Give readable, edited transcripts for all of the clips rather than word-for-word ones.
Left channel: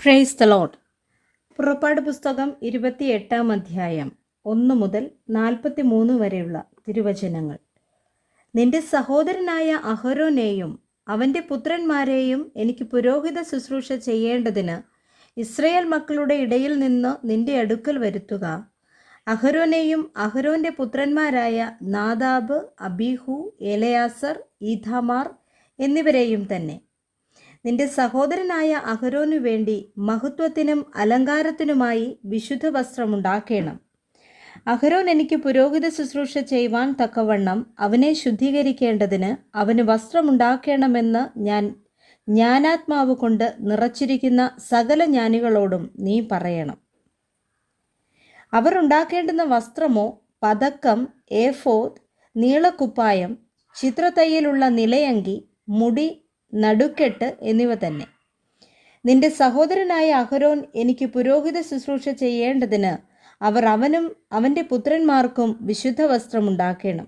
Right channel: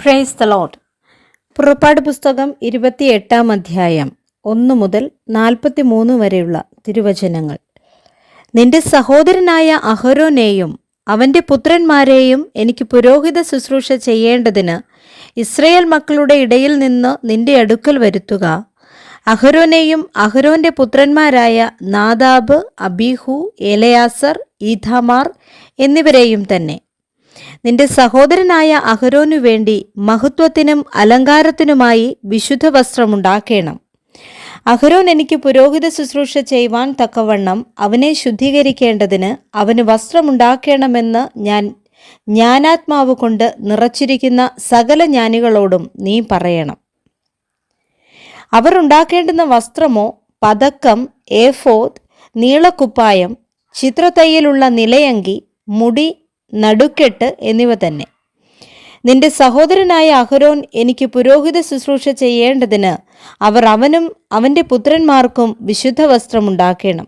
Praise the Lord. പുറപ്പാട് പുസ്തകം 28 അധ്യായം 1 മുതൽ 43 വരെയുള്ള തിരുവചനങ്ങൾ. നിന്റെ സഹോദരനായ അഹരോനെയും അവൻ്റെ പുത്രന്മാരെയും എനിക്ക് പുരോഹിത ശുശ്രൂഷ ചെയ്യേണ്ടതിന് ഇസ്രയേൽ മക്കളുടെ ഇടയിൽ നിന്ന് നിന്റെ അടുക്കൽ വരുത്തുക. അഹരോനെയും അഹരോൻ്റെ പുത്രന്മാരായ നാദാബ്, അബീഹു, എലയാസർ, ഈഥാമാർ എന്നിവരെയും തന്നെ. നിന്റെ സഹോദരനായ അഹരോനു വേണ്ടി മഹത്വത്തിനും അലങ്കാരത്തിനുമായി വിശുദ്ധ വസ്ത്രമുണ്ടാക്കേണം. അഹരോൻ എനിക്ക് പുരോഹിത ശുശ്രൂഷ ചെയ്യുവാൻ തക്കവണ്ണം അവനെ ശുദ്ധീകരിക്കേണ്ടതിന് അവന് വസ്ത്രമുണ്ടാക്കണമെന്ന് ഞാൻ ജ്ഞാനാത്മാവ് കൊണ്ട് നിറച്ചിരിക്കുന്ന സകല ജ്ഞാനികളോടും നീ പറയണം. അവർ ഉണ്ടാക്കേണ്ടുന്ന വസ്ത്രമോ പതക്കം, ഏഫോദ്, നീളക്കുപ്പായം, ചിത്രത്തയ്യലുള്ള നിലയങ്കി, മുടി, നടുക്കെട്ട് എന്നിവ തന്നെ. നിന്റെ സഹോദരനായ അഹരോൻ എനിക്ക് പുരോഹിത ശുശ്രൂഷ ചെയ്യേണ്ടതിന് അവർ അവനും അവൻ്റെ പുത്രന്മാർക്കും വിശുദ്ധ വസ്ത്രമുണ്ടാക്കണം.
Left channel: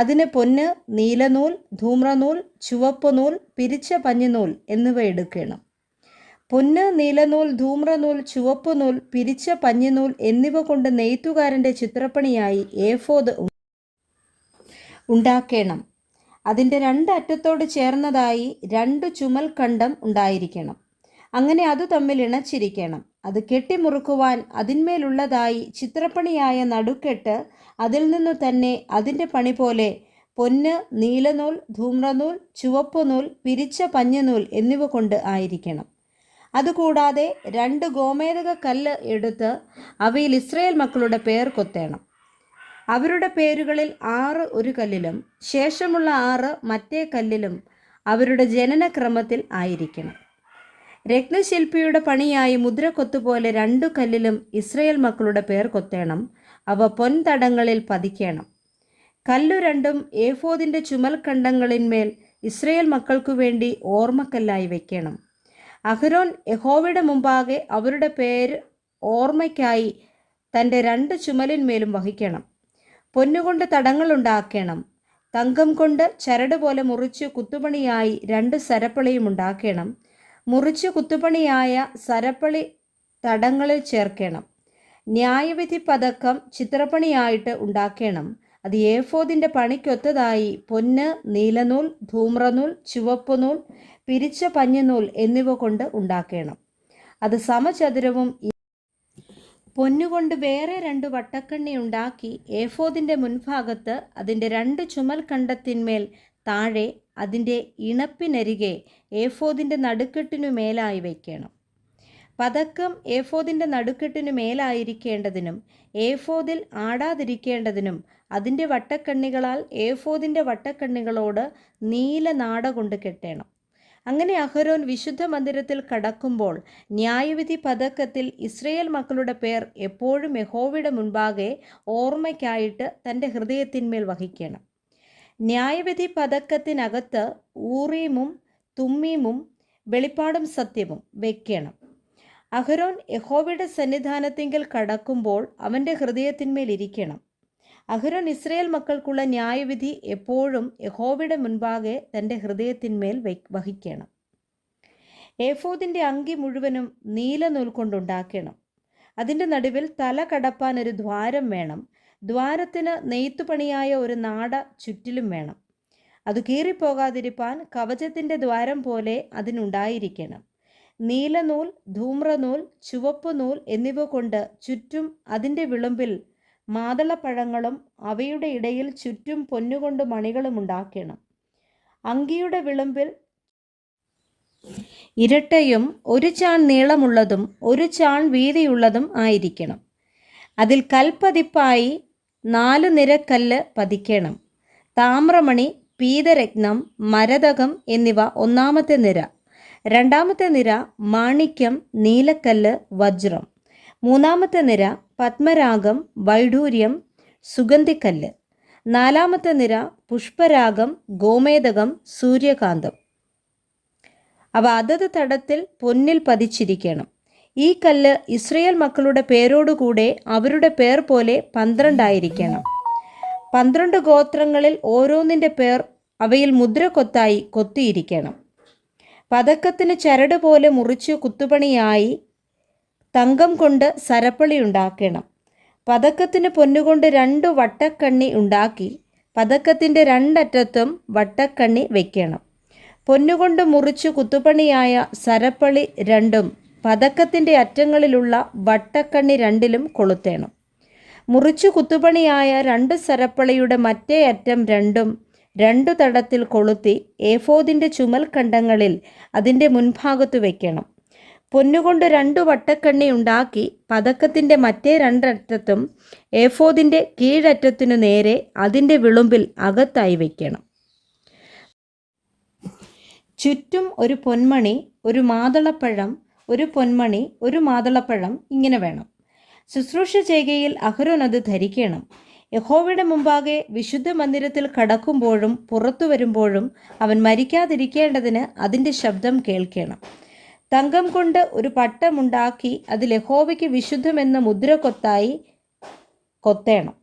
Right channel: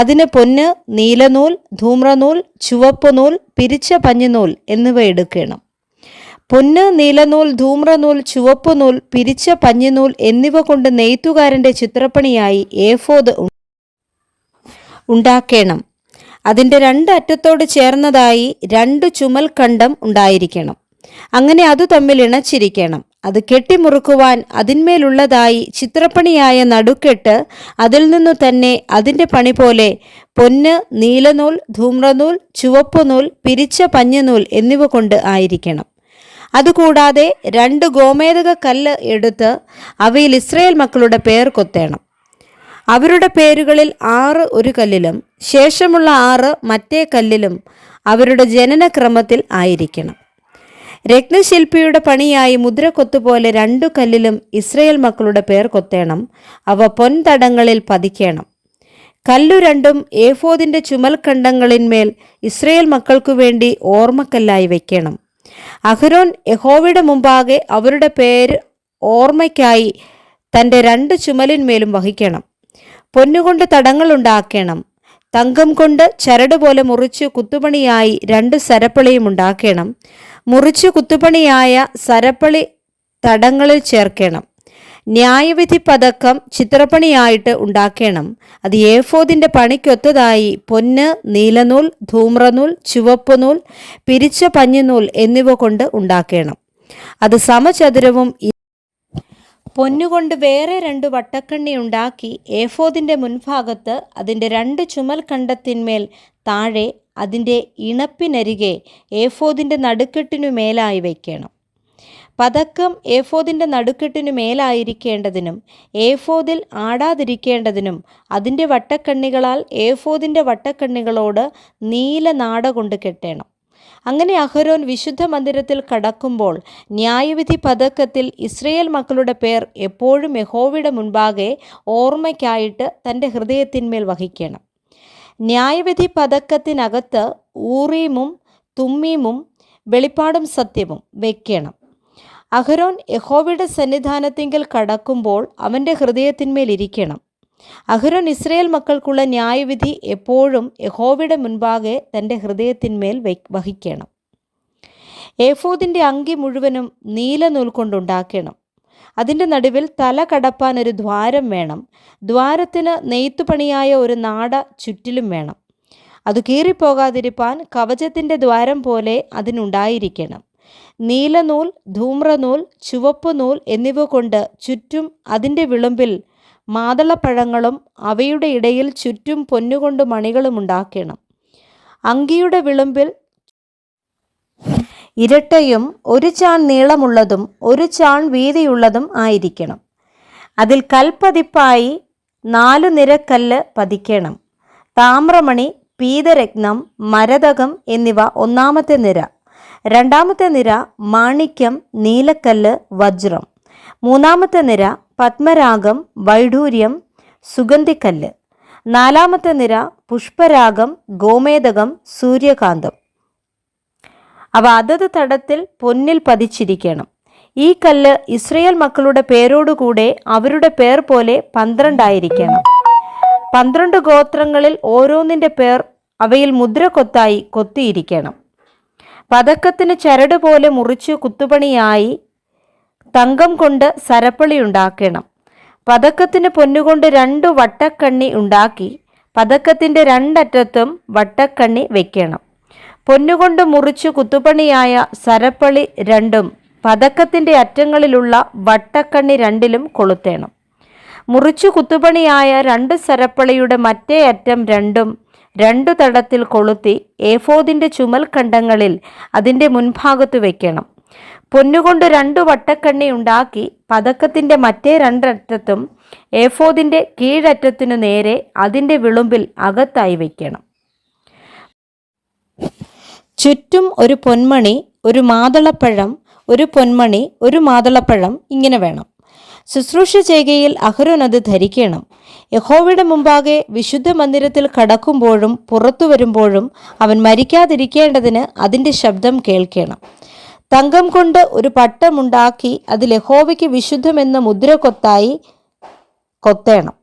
അതിന് പൊന്ന്, നീലനൂൽ, ധൂമ്രനൂൽ, ചുവപ്പുനൂൽ, പിരിച്ച പഞ്ഞിനൂൽ എന്നിവ എടുക്കണം. പൊന്ന്, നീലനൂൽ, ധൂമ്രനൂൽ, ചുവപ്പുനൂൽ, പിരിച്ച പഞ്ഞിനൂൽ എന്നിവ കൊണ്ട് നെയ്ത്തുകാരൻ്റെ ചിത്രപ്പണിയായി ഏഫോദ് ഉണ്ടാക്കണം. അതിൻ്റെ 2 അറ്റത്തോട് ചേർന്നതായി 2 ചുമൽഖണ്ഡം ഉണ്ടായിരിക്കണം. അങ്ങനെ അത് തമ്മിൽ ഇണച്ചിരിക്കണം. അത് കെട്ടിമുറുക്കുവാൻ അതിന്മേലുള്ളതായി ചിത്രപ്പണിയായ നടുക്കെട്ട് അതിൽ നിന്നു തന്നെ അതിൻ്റെ പണി പോലെ പൊന്ന്, നീലനൂൽ, ധൂമ്രനൂൽ, ചുവപ്പുനൂൽ, പിരിച്ച പഞ്ഞിനൂൽ എന്നിവ കൊണ്ട് ആയിരിക്കണം. അതുകൂടാതെ 2 ഗോമേദക കല്ല് എടുത്ത് അവയിൽ ഇസ്രായേൽ മക്കളുടെ പേർ കൊത്തേണം. അവരുടെ പേരുകളിൽ 6 ഒരു കല്ലിലും ശേഷമുള്ള 6 മറ്റേ കല്ലിലും അവരുടെ ജനനക്രമത്തിൽ ആയിരിക്കണം. രത്നശില്പിയുടെ പണിയായി മുദ്രക്കൊത്തുപോലെ 2 കല്ലിലും ഇസ്രായേൽ മക്കളുടെ പേർ കൊത്തേണം. അവ പൊൻതടങ്ങളിൽ പതിക്കണം. കല്ലു 2 ഏഫോദിൻ്റെ ചുമൽഖണ്ഡങ്ങളിന്മേൽ ഇസ്രായേൽ മക്കൾക്കു വേണ്ടി ഓർമ്മക്കല്ലായി വയ്ക്കണം. അഹരോൻ യഹോവയുടെ മുമ്പാകെ അവരുടെ പേര് ഓർമ്മയ്ക്കായി തൻ്റെ 2 ചുമലിന്മേലും വഹിക്കണം. പൊന്നുകൊണ്ട് തടങ്ങളുണ്ടാക്കണം. തങ്കം കൊണ്ട് ചരട് പോലെ മുറിച്ച് കുത്തുപണിയായി 2 സരപ്പളിയും ഉണ്ടാക്കണം. മുറിച്ച് കുത്തുപണിയായ സരപ്പളി തടങ്ങളിൽ ചേർക്കണം. ന്യായവിധി പതക്കം ചിത്രപ്പണിയായിട്ട് ഉണ്ടാക്കണം. അത് ഏഫോദിൻ്റെ പണിക്കൊത്തതായി പൊന്ന്, നീലനൂൽ, ധൂമ്രനൂൽ, ചുവപ്പുനൂൽ, പിരിച്ച പഞ്ഞിനൂൽ എന്നിവ കൊണ്ട് ഉണ്ടാക്കണം. അത് സമചതുരവും പൊന്നുകൊണ്ട് വേറെ 2 വട്ടക്കണ്ണി ഉണ്ടാക്കി ഏഫോദിൻ്റെ മുൻഭാഗത്ത് അതിൻ്റെ 2 ചുമൽഖണ്ഡത്തിന്മേൽ താഴെ അതിൻ്റെ ഇണപ്പിനരികെ ഏഫോദിൻ്റെ നടുക്കെട്ടിനു മേലായി വയ്ക്കണം. പതക്കം ഏഫോദിൻ്റെ നടുക്കെട്ടിനു മേലായിരിക്കേണ്ടതിനും ഏഫോദിൽ ആടാതിരിക്കേണ്ടതിനും അതിൻ്റെ വട്ടക്കണ്ണികളാൽ ഏഫോദിൻ്റെ വട്ടക്കണ്ണികളോട് നീല നാട കൊണ്ട് കെട്ടണം. അങ്ങനെ അഹരോൻ വിശുദ്ധ മന്ദിരത്തിൽ കടക്കുമ്പോൾ ന്യായവിധി പതക്കത്തിൽ ഇസ്രായേൽ മക്കളുടെ പേർ എപ്പോഴും യഹോവയുടെ മുൻപാകെ ഓർമ്മയ്ക്കായിട്ട് തൻ്റെ ഹൃദയത്തിന്മേൽ വഹിക്കണം. ന്യായവിധി പതക്കത്തിനകത്ത് ഊറീമും തുമ്മീമും വെളിപ്പാടും സത്യവും വയ്ക്കണം. അഹരോൻ യഹോവയുടെ സന്നിധാനത്തിങ്കൽ കടക്കുമ്പോൾ അവൻ്റെ ഹൃദയത്തിന്മേൽ ഇരിക്കണം. അഹരോൻ ഇസ്രായേൽ മക്കൾക്കുള്ള ന്യായവിധി എപ്പോഴും യഹോവയുടെ മുൻപാകെ തൻ്റെ ഹൃദയത്തിന്മേൽ വഹിക്കണം. ഏഫോദിൻ്റെ അങ്കി മുഴുവനും നീലനൂൽ കൊണ്ടുണ്ടാക്കണം. അതിൻ്റെ നടുവിൽ തല കടപ്പാൻ ഒരു ദ്വാരം വേണം. ദ്വാരത്തിന് നെയ്ത്തുപണിയായ ഒരു നാട ചുറ്റിലും വേണം. അത് കീറിപ്പോകാതിരിപ്പാൻ കവചത്തിൻ്റെ ദ്വാരം പോലെ അതിനുണ്ടായിരിക്കണം. നീലനൂൽ, ധൂമ്രനൂൽ, ചുവപ്പുനൂൽ എന്നിവ കൊണ്ട് ചുറ്റും അതിൻ്റെ വിളുമ്പിൽ മാതളപ്പഴങ്ങളും അവയുടെ ഇടയിൽ ചുറ്റും പൊന്നുകൊണ്ട് മണികളും ഉണ്ടാക്കണം. അങ്കിയുടെ വിളുമ്പിൽ ഇരട്ടയും 1 ചാൺ നീളമുള്ളതും 1 ചാൺ വീതിയുള്ളതും ആയിരിക്കണം. അതിൽ കൽപ്പതിപ്പായി 4 നിരക്കല്ല് പതിക്കണം. താമ്രമണി, പീതരത്നം, മരതകം എന്നിവ 1-ാമത്തെ നിര. 2-ാമത്തെ നിര മാണിക്യം, നീലക്കല്ല്, വജ്രം. 3-ാമത്തെ നിര പത്മരാഗം, വൈഡൂര്യം, സുഗന്ധിക്കല്ല്. 4-ാമത്തെ നിര പുഷ്പരാഗം, ഗോമേദകം, സൂര്യകാന്തം. അവ അതത് തടത്തിൽ പൊന്നിൽ പതിച്ചിരിക്കണം. ഈ കല്ല് ഇസ്രായേൽ മക്കളുടെ പേരോടുകൂടെ അവരുടെ പേർ പോലെ 12 ആയിരിക്കണം. 12 ഗോത്രങ്ങളിൽ ഓരോന്നിൻ്റെ പേർ അവയിൽ മുദ്രക്കൊത്തായി കൊത്തിയിരിക്കണം. പതക്കത്തിന് ചരട് പോലെ മുറിച്ചു കുത്തുപണിയായി തങ്കം കൊണ്ട് സരപ്പളി ഉണ്ടാക്കണം. പതക്കത്തിന് പൊന്നുകൊണ്ട് 2 വട്ടക്കണ്ണി ഉണ്ടാക്കി പതക്കത്തിൻ്റെ 2 അറ്റത്തും വട്ടക്കണ്ണി വയ്ക്കണം. പൊന്നുകൊണ്ട് മുറിച്ചു കുത്തുപണിയായ സരപ്പളി 2ഉം പതക്കത്തിൻ്റെ അറ്റങ്ങളിലുള്ള വട്ടക്കണ്ണി 2ലും കൊളുത്തേണം. മുറിച്ചു കുത്തുപണിയായ 2 സരപ്പളിയുടെ മറ്റേ അറ്റം 2ഉം 2 തടത്തിൽ കൊളുത്തി ഏഫോദിൻ്റെ ചുമൽ ഖണ്ഡങ്ങളിൽ അതിൻ്റെ മുൻഭാഗത്ത് വയ്ക്കണം. പൊന്നുകൊണ്ട് 2 വട്ടക്കണ്ണി ഉണ്ടാക്കി പതക്കത്തിൻ്റെ മറ്റേ 2 അറ്റത്തും ഏഫോദിൻ്റെ കീഴറ്റത്തിനു നേരെ അതിൻ്റെ വിളുമ്പിൽ അകത്തായി വയ്ക്കണം. ചുറ്റും ഒരു പൊന്മണി, ഒരു മാതളപ്പഴം, ഒരു പൊന്മണി, ഒരു മാതളപ്പഴം ഇങ്ങനെ വേണം. ശുശ്രൂഷ ചെയ്കയിൽ അഹരോൻ അത് ധരിക്കണം. യഹോവയുടെ മുമ്പാകെ വിശുദ്ധ മന്ദിരത്തിൽ കടക്കുമ്പോഴും പുറത്തു വരുമ്പോഴും അവൻ മരിക്കാതിരിക്കേണ്ടതിന് അതിൻ്റെ ശബ്ദം കേൾക്കണം. തങ്കം കൊണ്ട് ഒരു പട്ടമുണ്ടാക്കി അതിൽ യഹോവയ്ക്ക് വിശുദ്ധമെന്ന മുദ്ര കൊത്തേണം.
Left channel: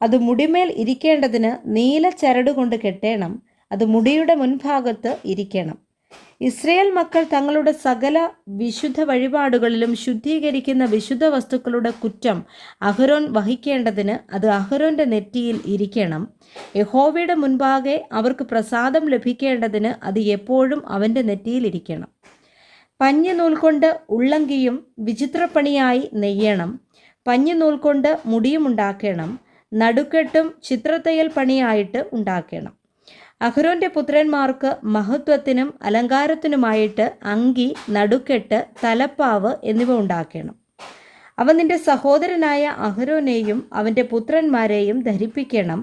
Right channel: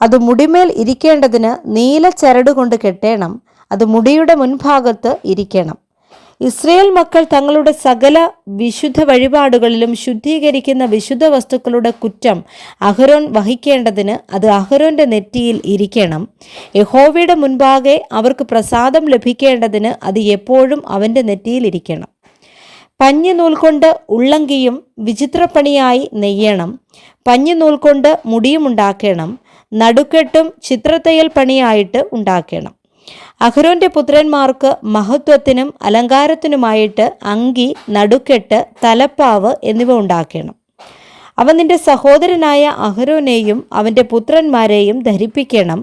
അത് മുടിമേൽ ഇരിക്കേണ്ടതിന് നീല ചരട് കൊണ്ട് കെട്ടേണം. അത് മുടിയുടെ മുൻഭാഗത്ത് ഇരിക്കണം. ഇസ്രയേൽ മക്കൾ തങ്ങളുടെ സകല വിശുദ്ധ വഴിപാടുകളിലും ശുദ്ധീകരിക്കുന്ന വിശുദ്ധ വസ്തുക്കളുടെ കുറ്റം അഹരോൻ വഹിക്കേണ്ടതിന് അത് അഹരോൻ്റെ നെറ്റിയിൽ ഇരിക്കണം. യഹോവയുടെ മുൻപാകെ അവർക്ക് പ്രസാദം ലഭിക്കേണ്ടതിന് അത് എപ്പോഴും അവൻ്റെ നെറ്റിയിൽ ഇരിക്കണം. പഞ്ഞിനൂൽ കൊണ്ട് ഉള്ളങ്കിയും വിചിത്രപ്പണിയായി നെയ്യണം. പഞ്ഞിനൂൽ കൊണ്ട് മുടിയും ഉണ്ടാക്കണം. നടുക്കെട്ടും ചിത്രത്തയ്യൽ പണിയായിട്ട് ഉണ്ടാക്കണം. അഹരോൻ്റെ പുത്രന്മാർക്ക് മഹത്വത്തിനും അലങ്കാരത്തിനുമായിട്ട് അങ്കി, നടുക്കെട്ട്, തലപ്പാവ് എന്നിവ ഉണ്ടാക്കണം. അവ നിന്റെ സഹോദരനായ അഹരോനെയും അവൻ്റെ പുത്രന്മാരെയും ധരിപ്പിക്കണം.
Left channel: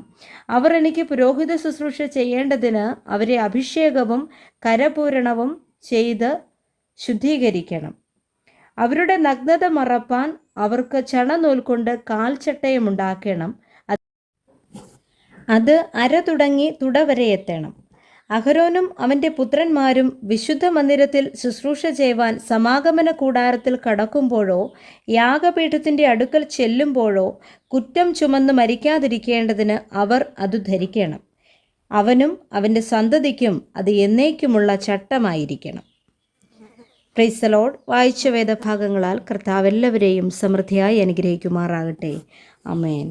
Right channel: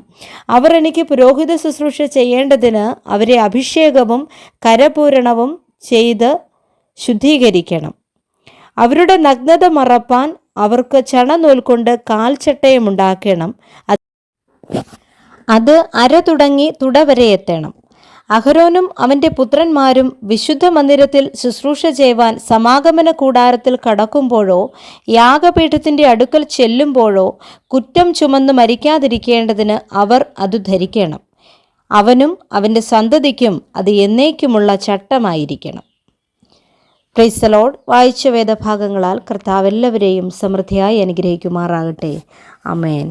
അവർ എനിക്ക് പുരോഹിത ശുശ്രൂഷ ചെയ്യേണ്ടതിന് അവരെ അഭിഷേകവും കരപൂരണവും ചെയ്ത് ശുദ്ധീകരിക്കണം. അവരുടെ നഗ്നത മറപ്പാൻ അവർക്ക് ചണനൂൽ കൊണ്ട് കാൽച്ചട്ടയമുണ്ടാക്കണം. അത് അര തുടങ്ങി തുടവരെ എത്തണം. അഹരോനും അവൻ്റെ പുത്രന്മാരും വിശുദ്ധ മന്ദിരത്തിൽ ശുശ്രൂഷ ചെയ്യുവാൻ സമാഗമന കൂടാരത്തിൽ കടക്കുമ്പോഴോ യാഗപീഠത്തിൻ്റെ അടുക്കൽ ചെല്ലുമ്പോഴോ കുറ്റം ചുമന്ന് മരിക്കാതിരിക്കേണ്ടതിന് അവർ അത് ധരിക്കണം. അവനും അവൻ്റെ സന്തതിക്കും അത് എന്നേക്കുമുള്ള ചട്ടമായിരിക്കണം. Praise the Lord. വായിച്ച വേദഭാഗങ്ങളാൽ കർത്താവ് എല്ലാവരെയും സമൃദ്ധിയായി അനുഗ്രഹിക്കുമാറാകട്ടെ. ആമേൻ.